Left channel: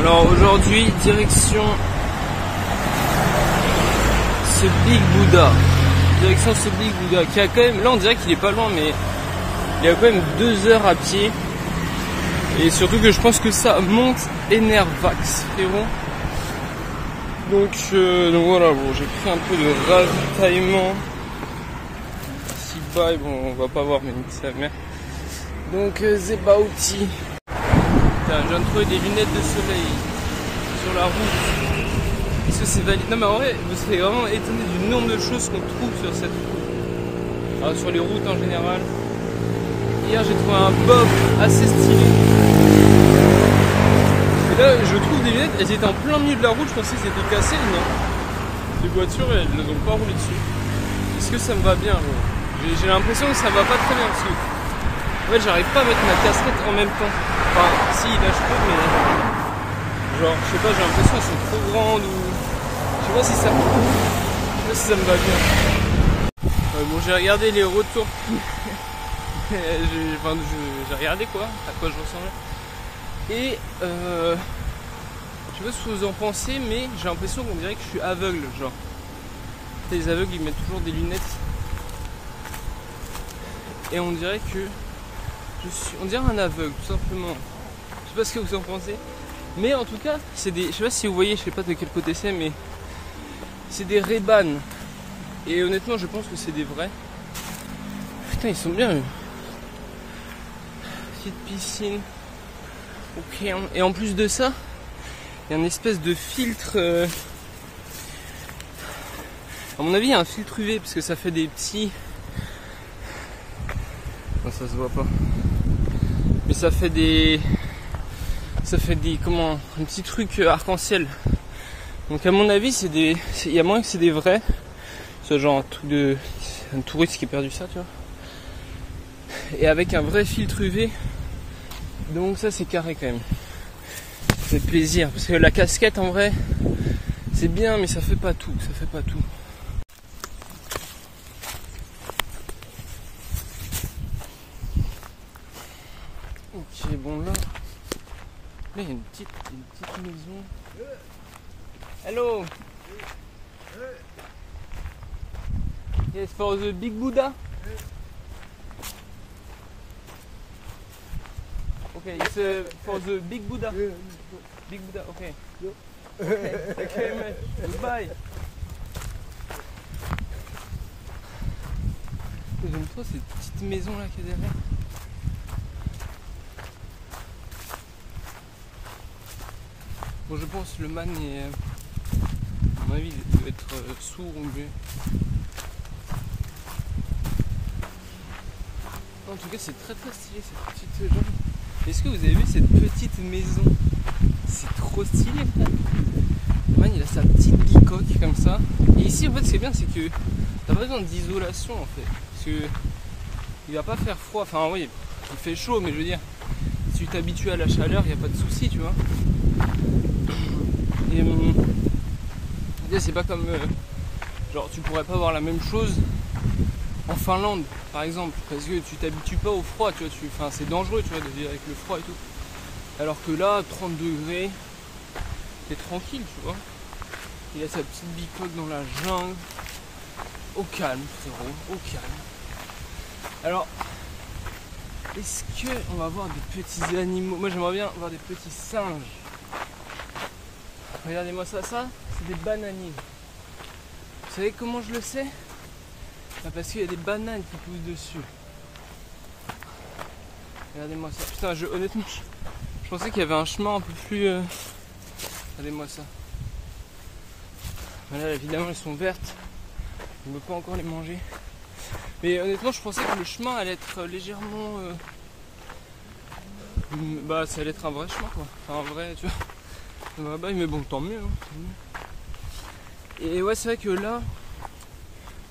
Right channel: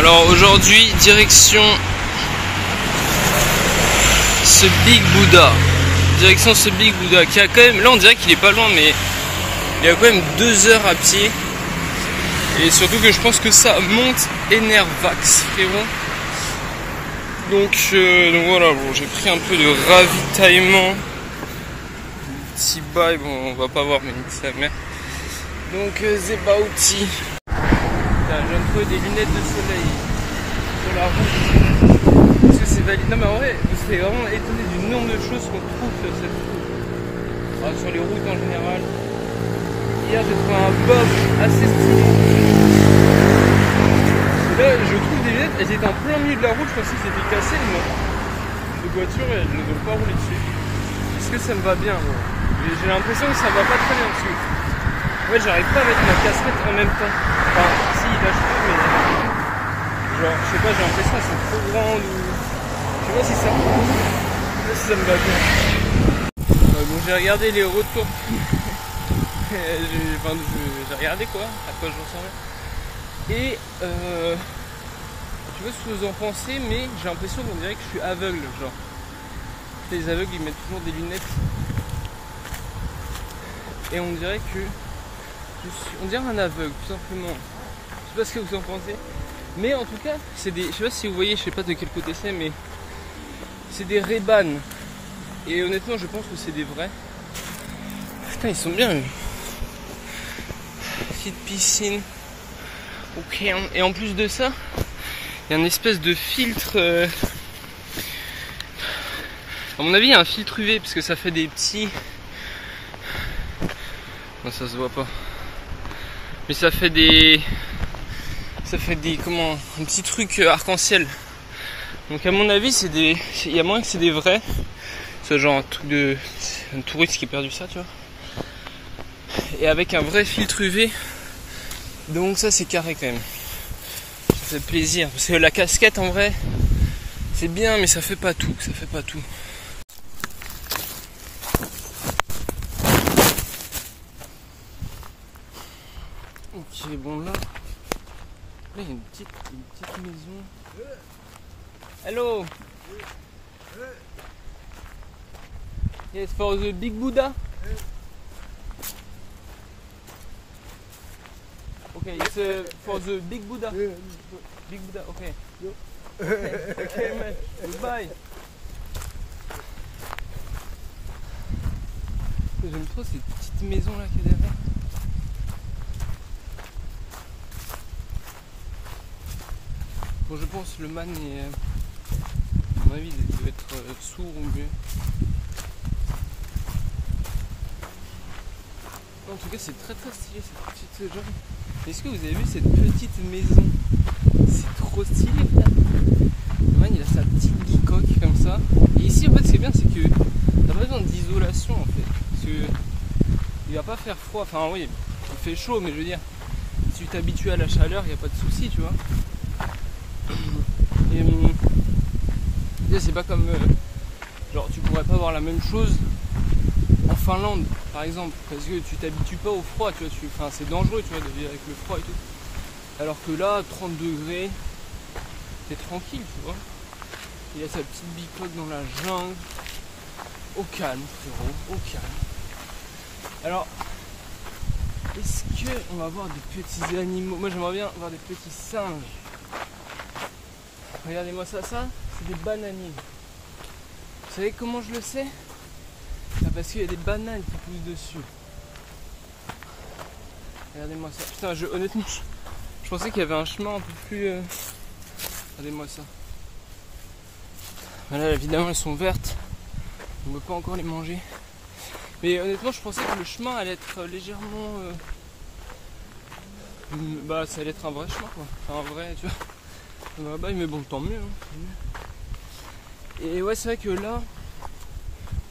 Alors aujourd'hui, direction ce Big Buddha. Direction ce Big Buddha qui a quand même, là on dirait qu'il est pas loin, mais il y a quand même 2 heures à pied. Et surtout que je pense que ça monte Enervax, frérot. Donc voilà, bon, j'ai pris un peu de ravitaillement. Petit bail, bon on va pas voir, mais nique sa mère. Donc Zebauti. Je viens de trouver des lunettes de soleil sur la route. Est-ce que c'est valide? Non mais en vrai, vous serez vraiment étonné du nombre de choses qu'on trouve sur cette route. Alors, sur les routes en général. Hier j'ai trouvé un bob assez stylé. Et là je trouve des lunettes, elles étaient en plein milieu de la route, je pensais qu'elles étaient cassées, non. Les voitures elles ne ont pas roulé dessus. Est-ce que ça me va bien? J'ai l'impression que ça me va pas très bien dessus. En fait j'arrive pas à mettre ma casquette en même temps. Enfin si là je peux, mais genre je sais pas, j'ai l'impression qu'elles sont trop grandes ou... Je sais pas si ça me va bien. Ouais, bon j'ai regardé les retours. J'ai regardé quoi, à quoi je ressemblais. Et je sais pas ce que vous en pensez, mais j'ai l'impression qu'on dirait que je suis aveugle, genre. Les aveugles ils mettent toujours des lunettes. Et on dirait que on dirait un aveugle, tout simplement. Je sais pas ce que vous en pensez. Mais en tout cas, c'est des. Je sais pas si vous voyez, je sais pas de quel côté c'est, mais c'est des Ray-Ban. Et honnêtement je pense que c'est des vrais. Putain ils sont bien. Petite piscine. Ok. Et en plus de ça, il y a une espèce de filtre. À mon avis, il y a un filtre UV parce que ça fait des petits. Non, ça se voit pas. Mais ça fait des. Comment. Un petit truc arc-en-ciel. Donc à mon avis, c'est des. Il y a moyen que c'est des vrais. C'est genre un truc de. Un touriste qui a perdu ça, tu vois. Et avec un vrai filtre UV. Donc ça c'est carré quand même. Ça fait plaisir. Parce que la casquette en vrai c'est bien mais ça fait pas tout. Ça fait pas tout. Ok bon là. Il y a une petite maison. Hello. Yes for the Big Buddha. Okay, it's for the Big Buddha. Big Buddha, okay. Okay, man. Goodbye. J'aime trop cette petite maison là qui est derrière. Bon, je pense le man est. À mon avis, il doit être sourd ou mieux. En tout cas, c'est très stylé cette petite jambe. Est-ce que vous avez vu cette petite maison? C'est trop stylé, frère. Le man il a sa petite bicoque comme ça. Et ici en fait c'est bien, c'est que t'as pas besoin d'isolation en fait. Parce que il va pas faire froid, enfin oui, il fait chaud, mais je veux dire, si tu t'habitues à la chaleur, il n'y a pas de souci, tu vois. Et c'est pas comme genre tu pourrais pas avoir la même chose en Finlande par exemple, parce que tu t'habitues pas au froid, tu vois, enfin c'est dangereux, tu vois, de vivre avec le froid et tout. Alors que là, 30 degrés, t'es tranquille, tu vois. Il a sa petite bicoque dans la jungle. Au calme, frérot, au calme. Alors, est-ce qu'on va voir des petits animaux? Moi j'aimerais bien voir des petits singes. Regardez-moi ça, c'est des bananiers. Vous savez comment je le sais? Parce qu'il y a des bananes qui poussent dessus. Regardez-moi ça. Putain, honnêtement, je pensais qu'il y avait un chemin un peu plus... Regardez-moi ça. Mais là, évidemment, elles sont vertes. On ne peut pas encore les manger. Mais honnêtement, je pensais que le chemin allait être légèrement... Bah, ça allait être un vrai chemin, quoi. Enfin, un vrai, tu vois. Un vrai bail, mais bon, tant mieux, hein. Et ouais, c'est vrai que là...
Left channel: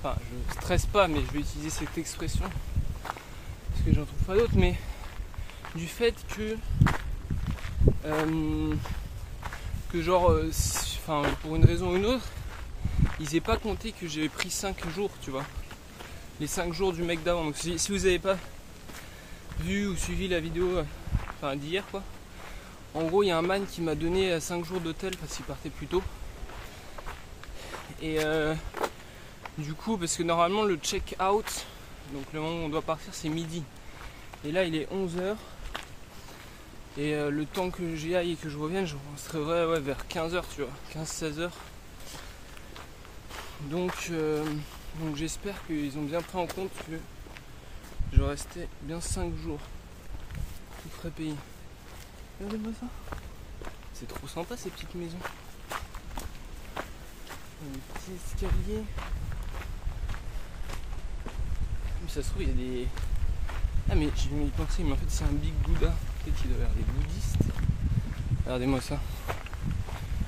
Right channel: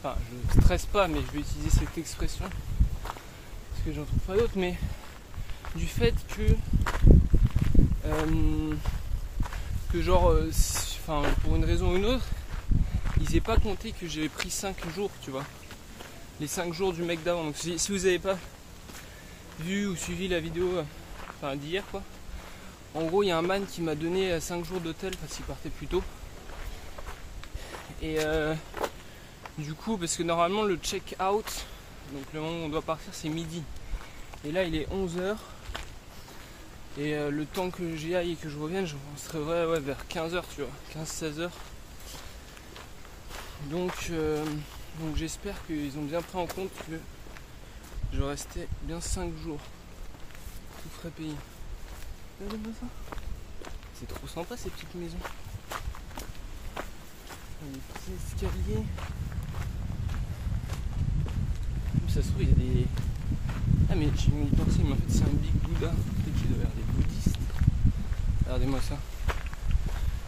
Enfin, je stresse pas, mais je vais utiliser cette expression. Parce que j'en trouve pas d'autres, mais... Du fait que... genre... Enfin, pour une raison ou une autre, ils aient pas compté que j'avais pris 5 jours, tu vois. Les 5 jours du mec d'avant. Donc si vous avez pas vu ou suivi la vidéo, enfin d'hier quoi, En gros, il y a un man qui m'a donné 5 jours d'hôtel parce qu'il partait plus tôt. Et du coup, parce que normalement le check-out, donc le moment où on doit partir, c'est midi. Et là, il est 11h. Et le temps que j'y aille et que je revienne, je serai vers 15h, tu vois, 15-16h. Donc j'espère qu'ils ont bien pris en compte que je restais bien 5 jours. Tout serait payé. C'est trop sympa ces petites maisons. Un petit escalier. Mais ça se trouve il y a des... Ah mais j'ai mis pensé, mais en fait c'est un Big Buddha. Peut-être qu'il doit y avoir des bouddhistes. Regardez-moi ça.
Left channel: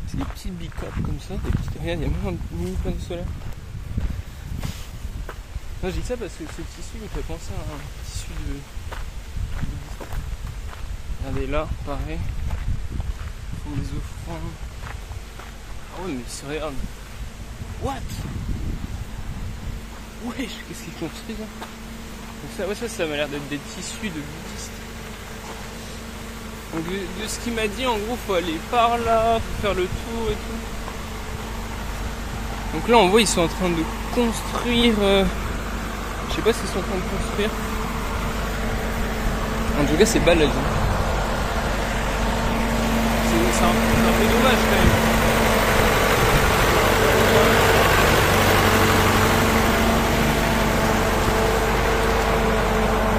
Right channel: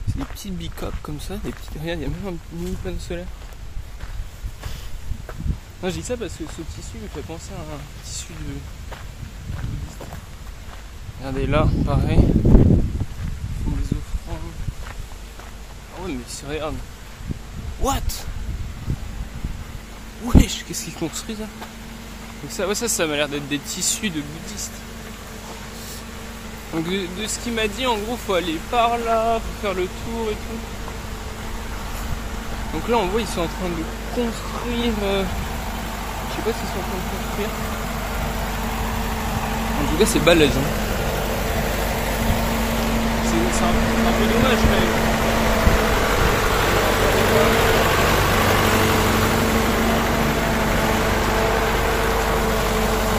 C'est des petits bicoques comme ça. Des petits... Regarde, il y a même un mini panneau solaire. Non, je dis ça parce que ce tissu me fait penser à un tissu de bouddhiste. Regardez là, pareil. Ils font des offrandes. Ah ouais mais c'est réel. What? Wesh, qu'est-ce qu'ils construisent là? Donc ça, ouais, ça m'a l'air d'être des tissus de bouddhistes. Donc de ce qu'il m'a dit, en gros, faut aller par là, faut faire le tour et tout. Donc là, on voit, ils sont en train de construire. Je sais pas s'ils sont en train de construire. En tout cas, c'est balèze. Hein. C'est un peu dommage quand même.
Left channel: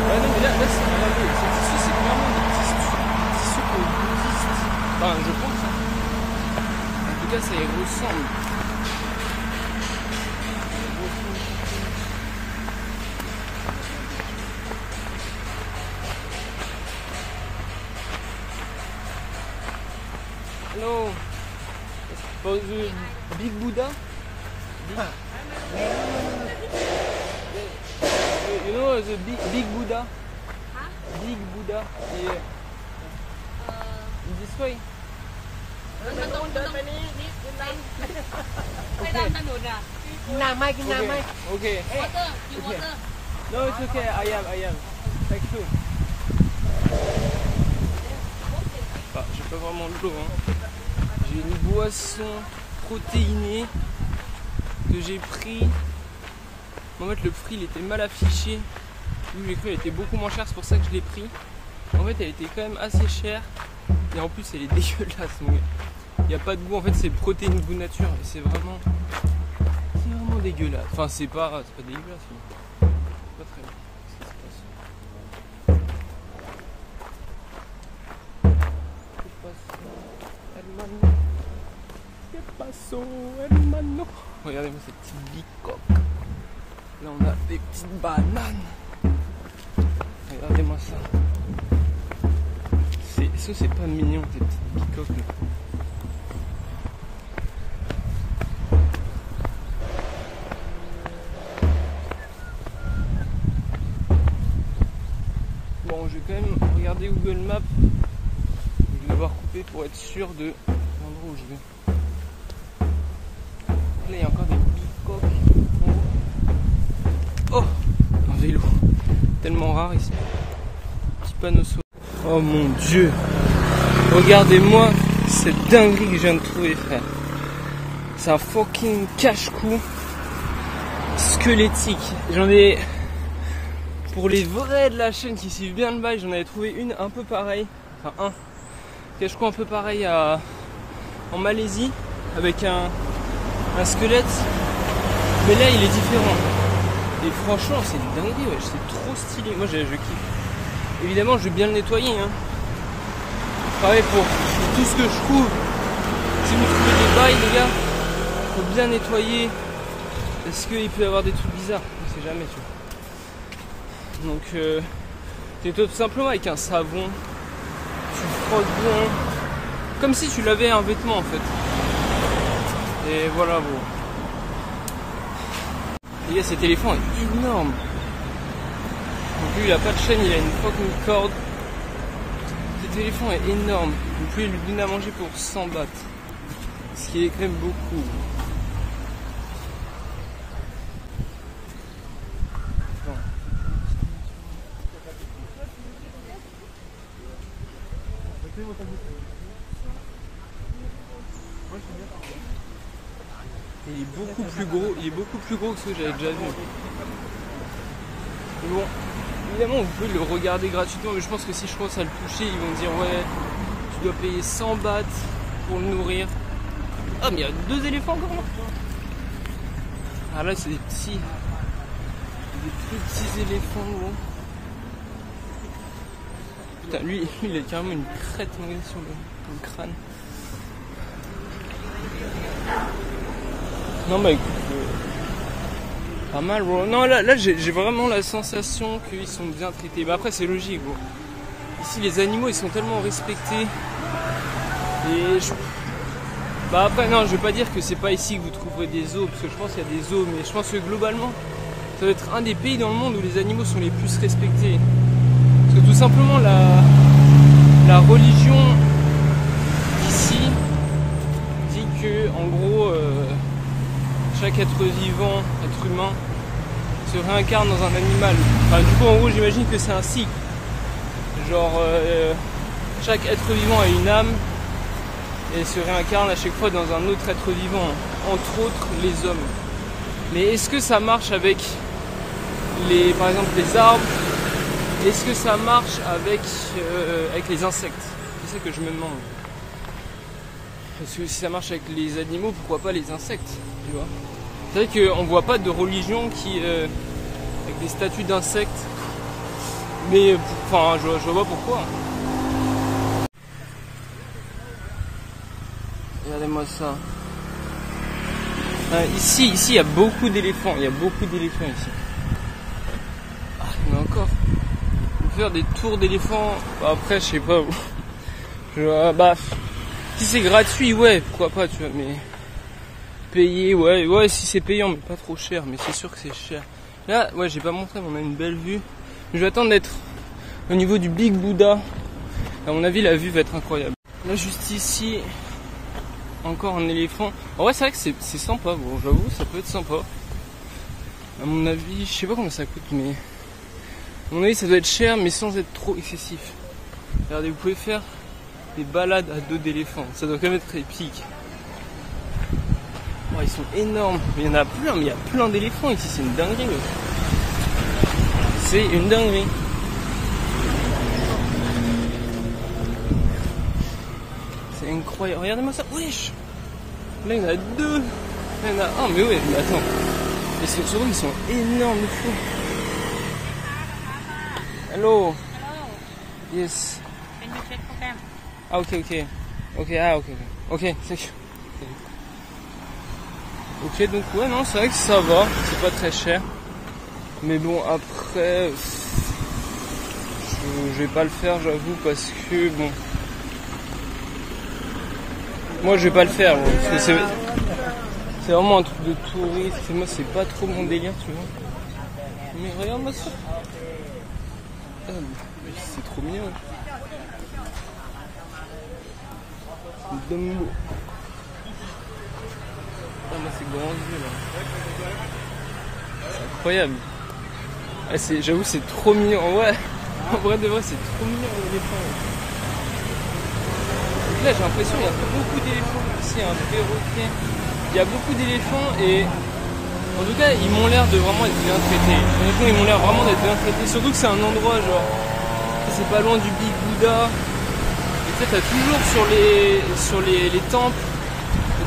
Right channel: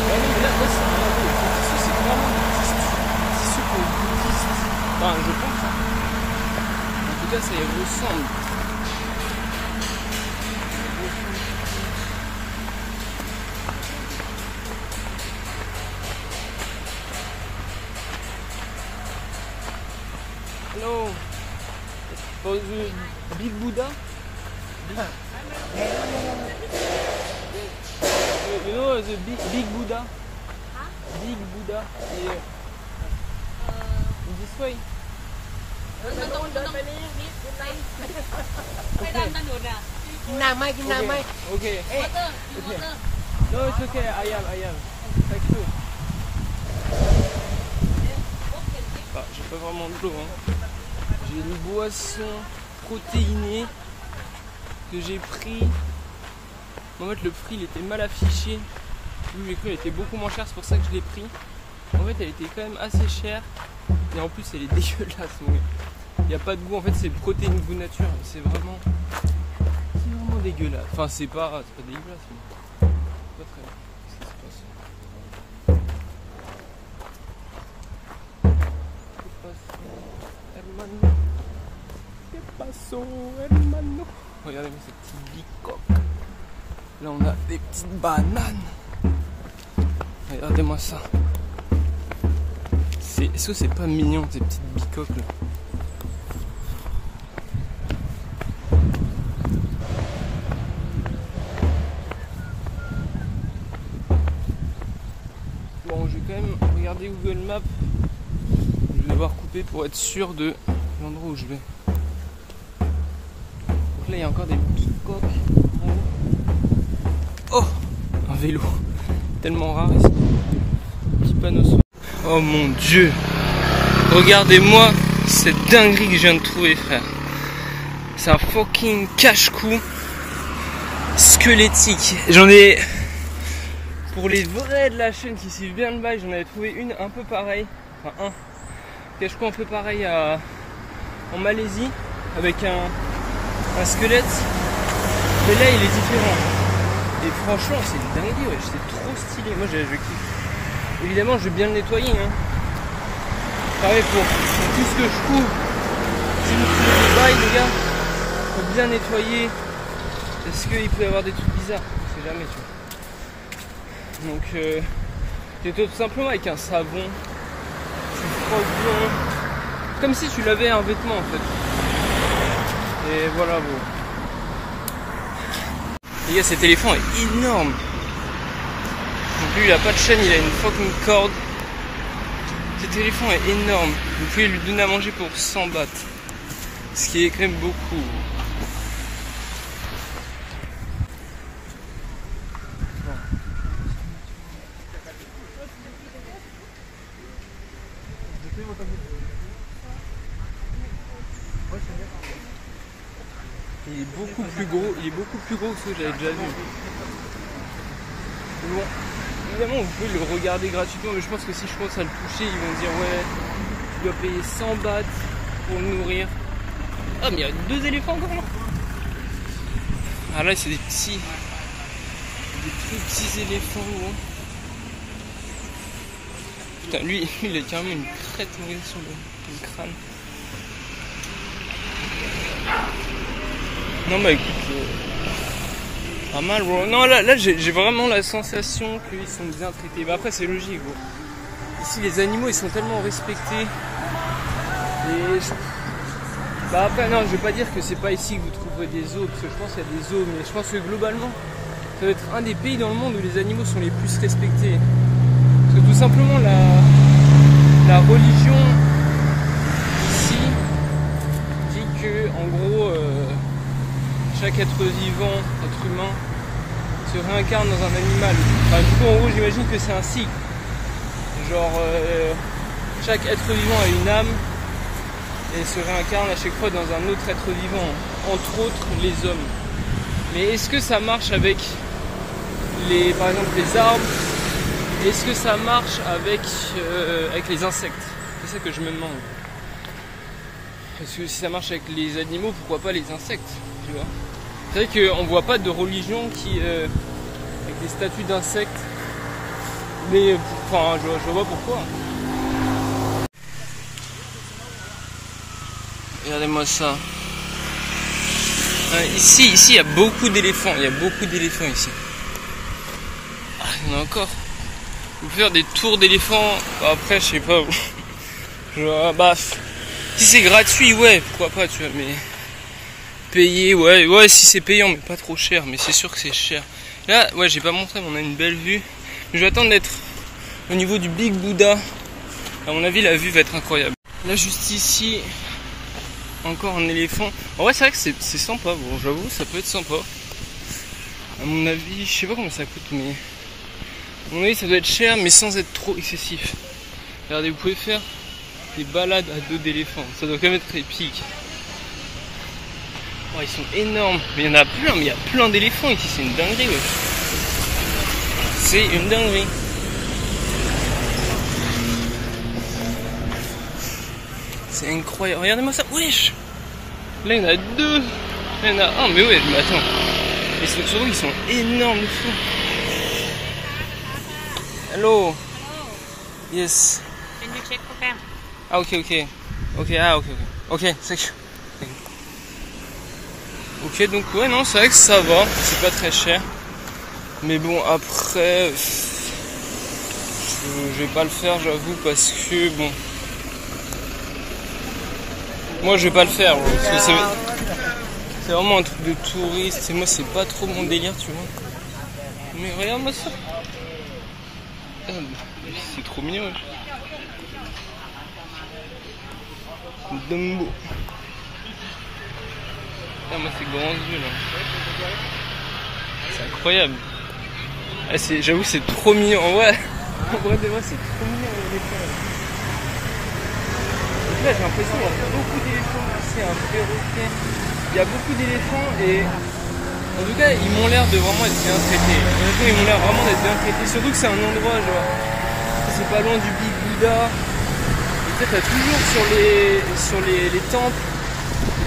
Ouais, non, mais là c'est regardez, ici c'est clairement des tissus pour bouddhistes. Enfin, je pense. Hein. En tout cas, ça y ressemble. Hello. For the Big Buddha? Big... You know the big Buddha? Big Buddha? Yeah. In this way? Okay. Okay. Okay. No, it's okay. I am. Thank you. Ah, j'ai pas vraiment de l'eau. Hein. J'ai une boisson protéinée que j'ai pris. En fait, le prix il était mal affiché. Oui, j'ai cru qu'elle était beaucoup moins chère, c'est pour ça que je l'ai pris. En fait, elle était quand même assez chère. Et en plus, elle est dégueulasse. Il n'y a pas de goût. En fait, c'est protéines goût nature. C'est vraiment dégueulasse. Enfin, c'est pas dégueulasse, mais c'est pas très bon. ¿Qué pasó, hermano? Regardez-moi cette petite bicoque. Là, on a des petites bananes. Regardez-moi ça. Est-ce que c'est pas mignon, ces petites bicoques là? Bon, je vais quand même regarder Google Maps. Je vais devoir couper pour être sûr de l'endroit où je vais. Donc là, il y a encore des petites coques. Oh, un vélo. Tellement rare ici. Petit panneau solaire. Oh mon Dieu. Regardez-moi cette dinguerie que je viens de trouver, frère. C'est un fucking cache-cou squelettique. J'en ai... Pour les vrais de la chaîne qui suivent bien le bail, j'en avais trouvé une un peu pareille. Enfin, un cache-cou un peu pareil en Malaisie. Avec un squelette. Mais là, il est différent. Et franchement, c'est une dinguerie, ouais. C'est trop stylé. Moi, je kiffe. Évidemment, je vais bien le nettoyer. Hein. Pareil pour tout ce que je trouve. Si vous trouvez des bails, les gars, faut bien nettoyer. Parce qu'il peut y avoir des trucs bizarres. On sait jamais, tu vois. Donc, tu nettoies tout simplement avec un savon. Tu frottes bien. Comme si tu lavais un vêtement, en fait. Et voilà, bon. Les gars, cet éléphant est énorme. Donc lui, il a pas de chaîne, il a une fucking corde. Cet éléphant est énorme. Vous pouvez lui donner à manger pour 100 bahts. Ce qui est quand même beaucoup. Bon. Il est beaucoup plus gros, que ce que j'avais déjà vu. Mais bon, évidemment vous pouvez le regarder gratuitement, mais je pense que si je commence à le toucher, ils vont me dire ouais, tu dois payer 100 bahts pour le nourrir. Ah mais il y a 2 éléphants encore là. Ah là c'est des petits, des plus petits éléphants gros. Putain lui il a carrément une crête sur le crâne. Non bah écoute, pas mal bro. Non là j'ai vraiment la sensation qu'ils sont bien traités. Bah après c'est logique bro. Ici les animaux ils sont tellement respectés. Et bah après non je vais pas dire que c'est pas ici que vous trouverez des zoos, parce que je pense qu'il y a des zoos, mais je pense que globalement ça va être un des pays dans le monde où les animaux sont les plus respectés. Parce que tout simplement la religion ici dit que en gros chaque être vivant, être humain, se réincarne dans un animal. Enfin, du coup, en gros, j'imagine que c'est un cycle. Genre, chaque être vivant a une âme et se réincarne à chaque fois dans un autre être vivant, entre autres les hommes. Mais est-ce que ça marche avec par exemple, les arbres? Est-ce que ça marche avec les insectes? C'est ça que je me demande. Parce que si ça marche avec les animaux, pourquoi pas les insectes, tu vois? C'est vrai qu'on voit pas de religion qui a des statues d'insectes, mais enfin je vois pourquoi. Regardez-moi ça. Ici il y a beaucoup d'éléphants, ici. Ah, il y en a encore. Vous faire des tours d'éléphants, après je sais pas. Bah si c'est gratuit, ouais, pourquoi pas, tu vois, mais payer, ouais, si c'est payant, mais pas trop cher, mais c'est sûr que c'est cher. Là, ouais, j'ai pas montré, mais on a une belle vue. Je vais attendre d'être au niveau du Big Buddha. À mon avis, la vue va être incroyable. Là, juste ici, encore un éléphant. En vrai, c'est vrai que c'est sympa, bon, j'avoue, ça peut être sympa. À mon avis, je sais pas combien ça coûte, mais à mon avis, ça doit être cher, mais sans être trop excessif. Regardez, vous pouvez faire des balades à dos d'éléphants. Ça doit quand même être épique. Oh, ils sont énormes, mais il y en a plein, mais il y a plein d'éléphants ici, c'est une dinguerie. Ouais. C'est une dinguerie. C'est incroyable, regardez-moi ça, wesh. Là il y en a 2, là il y en a un, mais ouais, mais attends. Et surtout ils sont énormes de fou. Hello. Yes. Can you check program? Ah ok, thank you. Ok, donc ouais, non, c'est vrai que ça va, c'est pas très cher. Mais bon, après, je vais pas le faire, j'avoue, parce que bon. Moi, je vais pas le faire, bon, parce que c'est vraiment un truc de touriste, et moi, c'est pas trop mon délire, tu vois. Mais regarde-moi ça. C'est trop mignon, ouais. Dumbo. Ah, moi ces grands yeux là. C'est incroyable. Ah, j'avoue c'est trop mignon. Ouais. En vrai de vrai c'est trop mignon l'éléphant. Donc là j'ai l'impression qu'il y a beaucoup d'éléphants ici, un perroquet. Il y a beaucoup d'éléphants et en tout cas ils m'ont l'air de vraiment être bien traités. Honnêtement ils m'ont l'air vraiment d'être bien traités. Surtout que c'est un endroit genre, c'est pas loin du Big Buddha. Et peut-être t'as toujours sur les temples,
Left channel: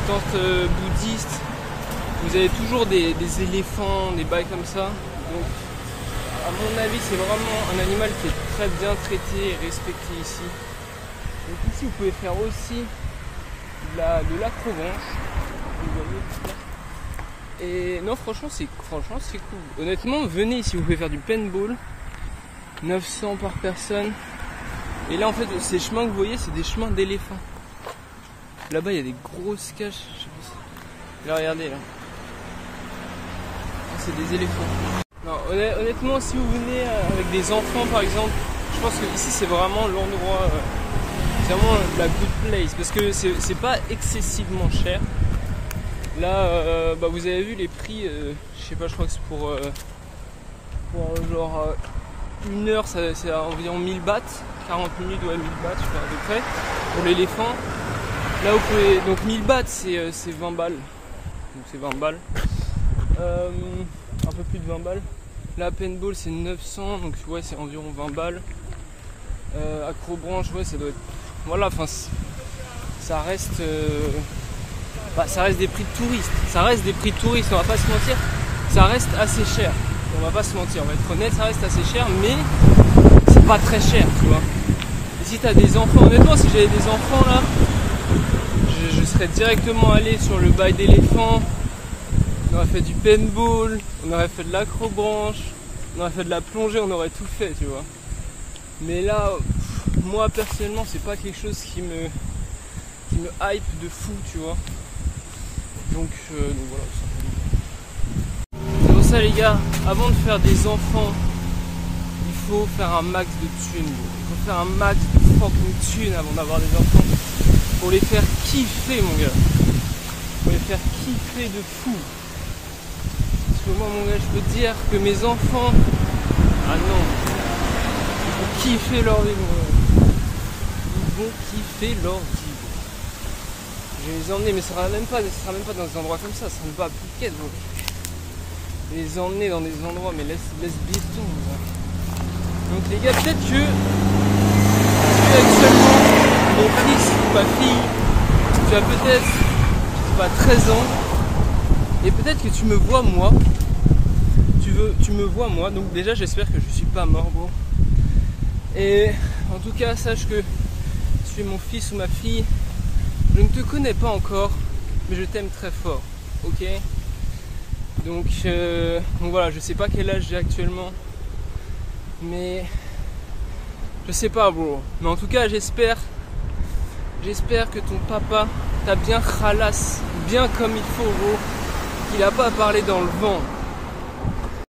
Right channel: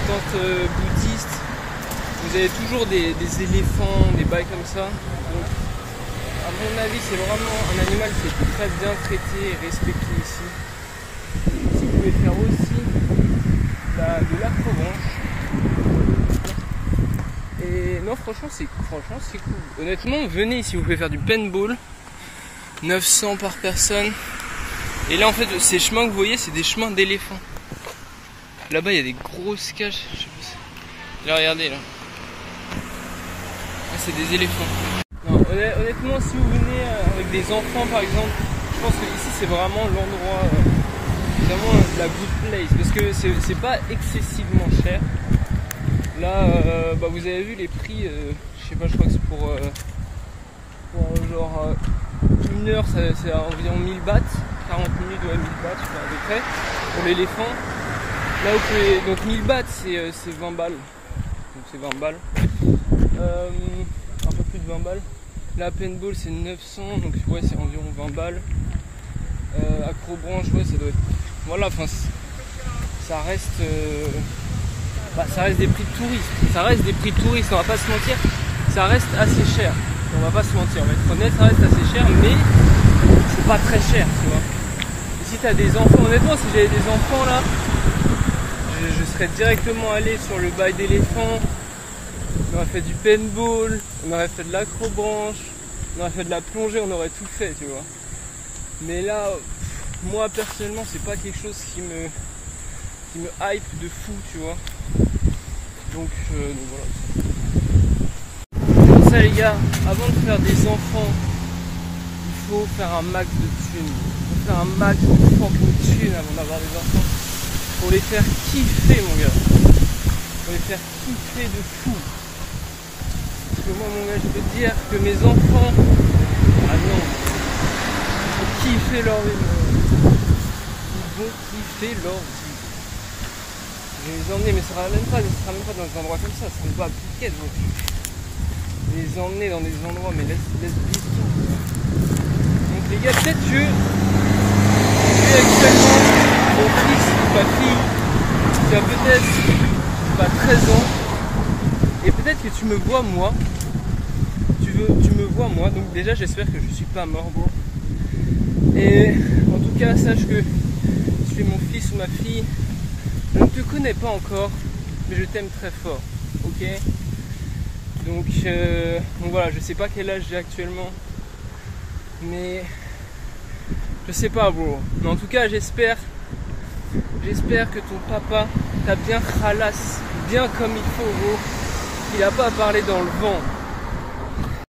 bouddhistes, vous avez toujours des éléphants, des bails comme ça. Donc à mon avis c'est vraiment un animal qui est très bien traité et respecté ici. Ici vous pouvez faire aussi de l'acrobranche. Et non franchement c'est cool. Honnêtement venez ici, vous pouvez faire du paintball. 900 par personne. Et là en fait ces chemins que vous voyez c'est des chemins d'éléphants. Là-bas il y a des grosses cages. Je sais pas si... Là regardez là. Ah, c'est des éléphants. Non, honnêtement si vous venez avec des enfants par exemple, je pense que ici c'est vraiment l'endroit, vraiment la good place. Parce que c'est pas excessivement cher. Là bah, vous avez vu les prix, je sais pas, je crois que c'est pour genre une heure c'est environ 1000 bahts. 40 000 ou 1000 bahts je sais pas, à peu près pour l'éléphant. Là vous pouvez, donc 1000 bahts c'est 20 balles, donc c'est 20 balles. Un peu plus de 20 balles. La paintball c'est 900, donc ouais c'est environ 20 balles. Acrobranche, ouais ça doit être... Voilà, enfin ça reste... ça reste des prix de touristes. Ça reste des prix de touristes, on va pas se mentir. Ça reste assez cher. On va pas se mentir, on va être honnête, ça reste assez cher, mais c'est pas très cher, tu vois. Et si t'as des enfants, honnêtement, si j'avais des enfants là, je serais directement allé sur le bail d'éléphant. On aurait fait du paintball, on aurait fait de l'acrobranche, on aurait fait de la plongée, on aurait tout fait, tu vois. Mais là, moi personnellement, c'est pas quelque chose qui me hype de fou, tu vois. Donc voilà. C'est pour ça les gars, avant de faire des enfants, il faut faire un max de thunes. Il faut faire un max de fucking thunes avant d'avoir des enfants. Pour les faire kiffer mon gars. Pour les faire kiffer de fou. Parce que moi mon gars, je peux te dire que mes enfants, ah non, ils vont kiffer leur vie. Ils vont kiffer leur vie. Je vais les emmener, mais ça sera même pas dans des endroits comme ça, ça sera pas à Phuket. Donc. Je vais les emmener dans des endroits, mais laisse Biston. Donc les gars, peut-être que tu es actuellement mon fils ou ma fille, tu as peut-être 13 ans, et peut-être que tu me vois moi, tu me vois moi, donc déjà j'espère que je suis pas mort, bro. Et en tout cas, sache que tu es mon fils ou ma fille. Je ne te connais pas encore, mais je t'aime très fort, ok? Donc voilà, je sais pas quel âge j'ai actuellement, mais je sais pas, bro. Mais en tout cas, j'espère que ton papa t'a bien khalass, bien comme il faut, bro. Qu'il a pas parlé dans le vent.